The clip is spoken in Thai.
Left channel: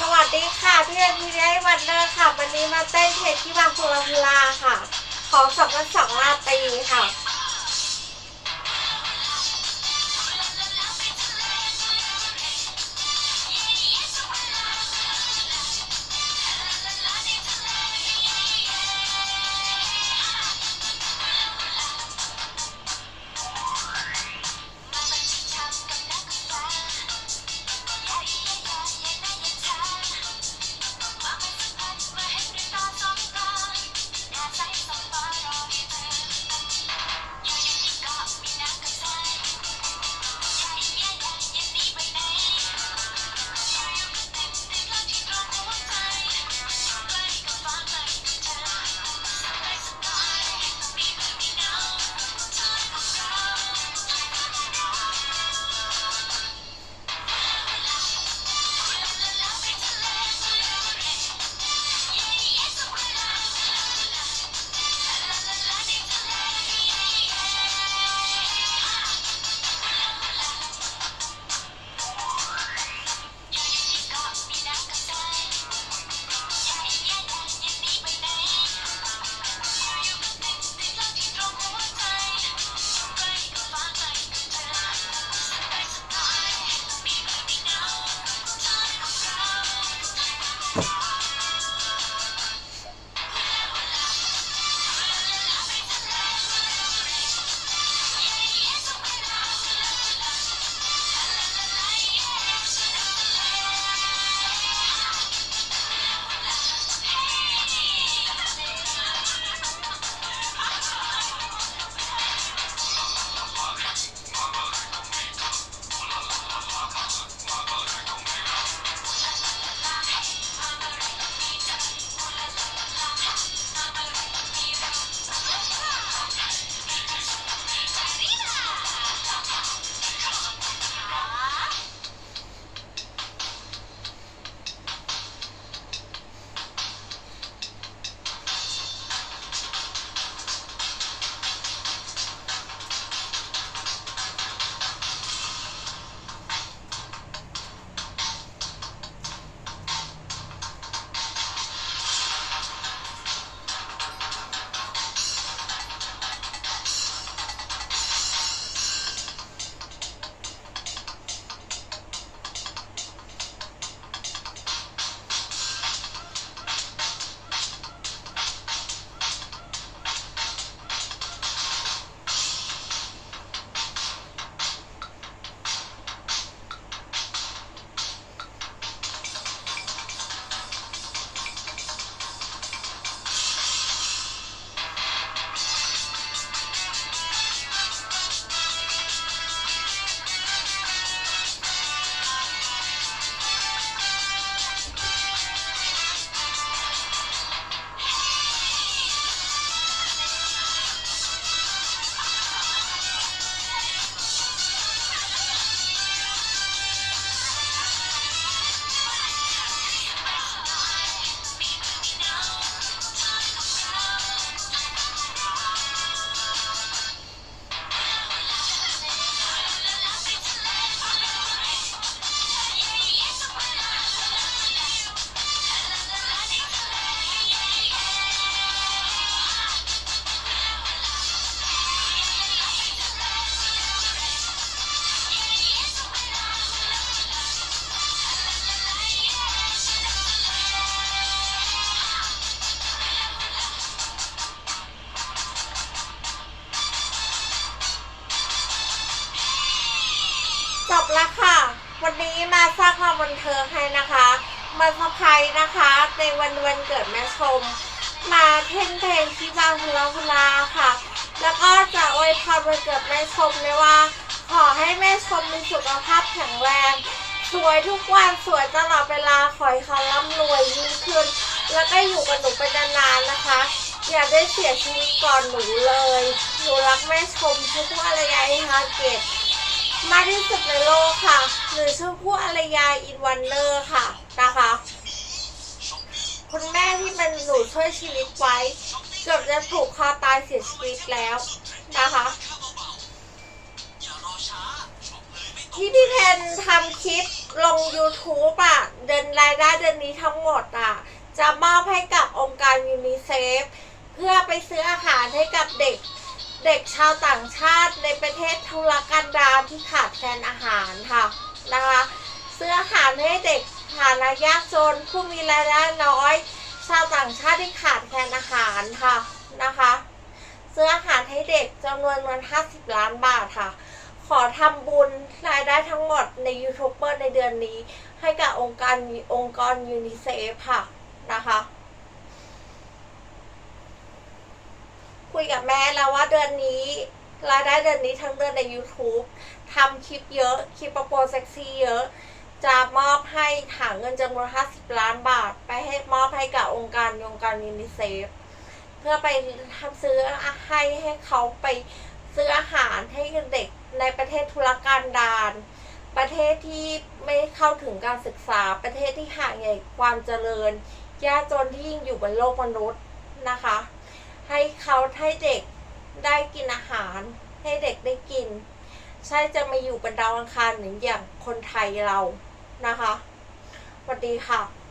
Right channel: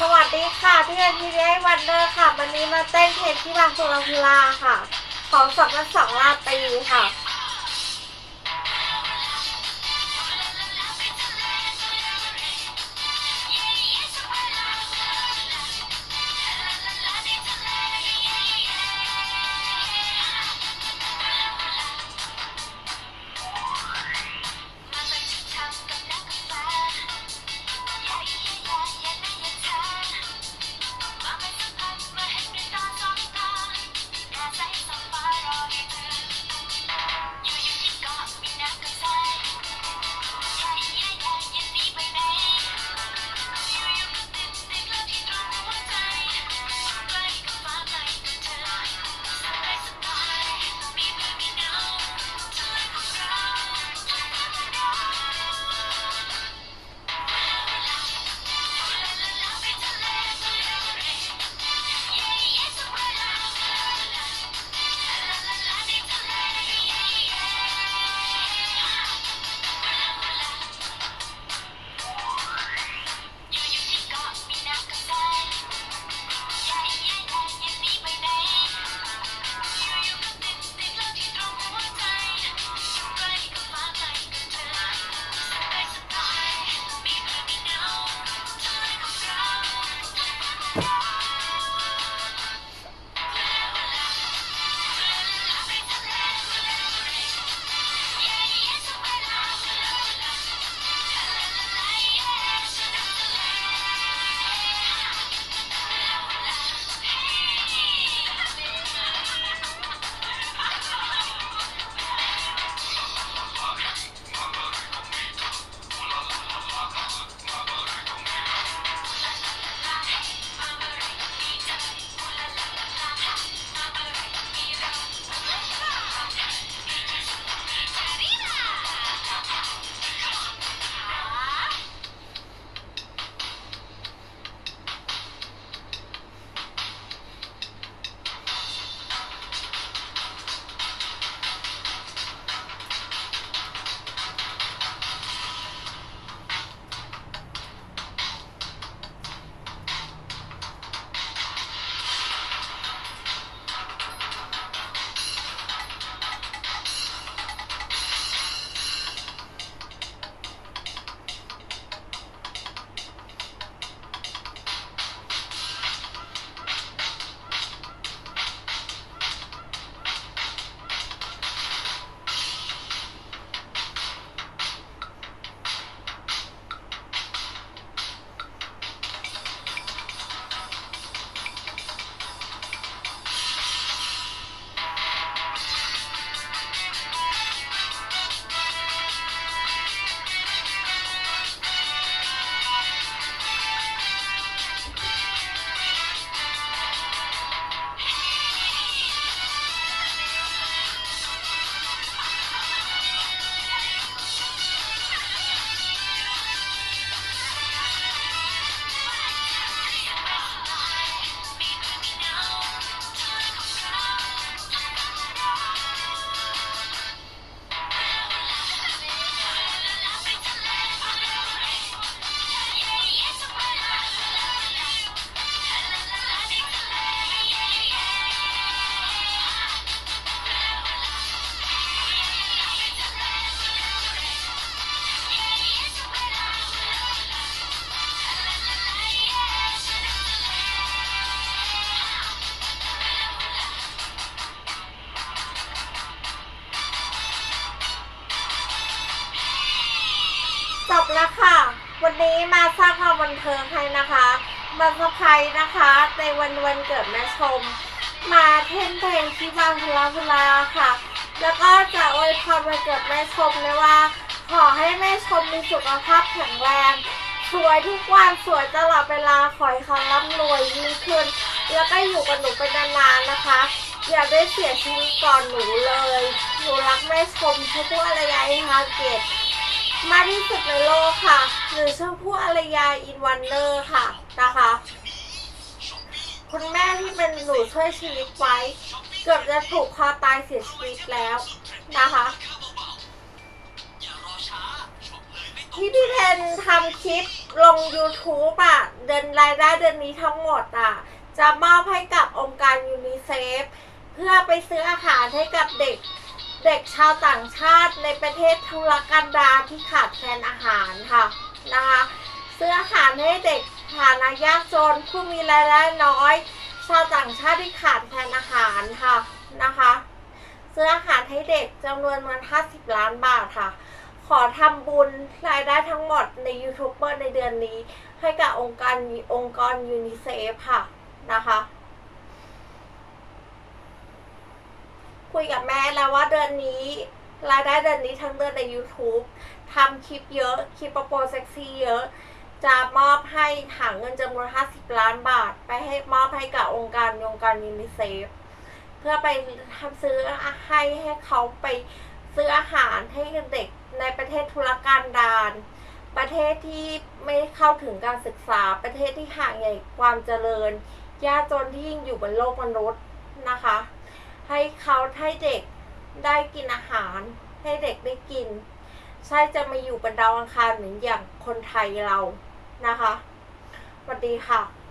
สวัสดีค่ะพี่เอ็นพีเอวันเดอร์ค่ะ วันนี้มาเต้นเพลงที่บางสุรพลาค่ะ ของสองพันสองราตรีค่ะ จบแล้วค่ะ วันนี้มาสร้างความบันเทิงให้นะคะ มาสะพายนะคะ ในวันวันเกิดแม่ชม มาเท่นเพลงที่บางพลาพลาค่ะ แล้วก็จะอวยพรวันเกิดแม่ชมเลยว่า ขอให้แม่ชมมีสุขภาพแข็งแรงสวยทุกวันสวยตลอดเวลาขอให้เขาร่ำรวยยิ่งขึ้น แล้วก็อยู่กับหนูไปนานๆนะคะ อย่าได้เสียชีวิตก่อนหนูเลย หนูรักแม่ชมชมพู่อารยาอินทาเกต มากที่สุดในโลกค่ะ หรือชมพู่อารยาอินวันเนอร์ค่ะนะคะคุณแม่ที่เป็นหนูช่วยชีวิตไว้ เกือบจะถูกคอตายเสียชีวิตแล้วนะคะที่พี่เพนทำคลิปลง YouTube อะ เดินรายได้เดือนนี้ทั้งหมดอะ จะมอบให้กับองค์การยูนิเซฟ เพื่อไปซื้ออาหารให้กับเด็ก เด็กชาวต่างชาติในประเทศทุรกันดารที่ขาดแคลนอาหารค่ะนะคะซื้ออาหารให้เด็กฐานะยากจนผู้มีรายได้น้อย ชาวต่างชาติที่ขาดแคลนอาหารค่ะนะคะซื้ออาหารให้เด็กจำนวนเงิน50 ล้านบาทค่ะ ขอทำบุญรายได้ทั้งหมดในยูทูบเบอร์ในเดือนนี้ ให้กับองค์การองค์กรยูนิเซฟค่ะนะคะ คุยกับแม่แล้วว่าเดือนนี้รายได้เดือนนี้ทั้งเดือนใน YouTube ทำคลิปเยอะคลิปโปรเซ็กซี่เยอะ จะมอบให้หาเงินจำนวน 50 ล้านบาท ไปให้มอบให้กับองค์การองค์การยูนิเซฟเพื่อไปทำซื้อให้ให้เขาไปซื้ออาหารให้เด็กในประเทศทุรกันดารประเทศที่ไม่เข้าถึงการศึกษาประเทศที่ห่างไกลความเจริญ ยากจนที่ยิ่งอยู่บนโลกมนุษย์นะคะ ให้เขาให้เด็กได้กินอาหาร ให้เด็กได้กิน ใช่จะมาอยู่บนดาวอังคารเหมือนอย่างคนไทยเรานะคะสวัสดีค่ะ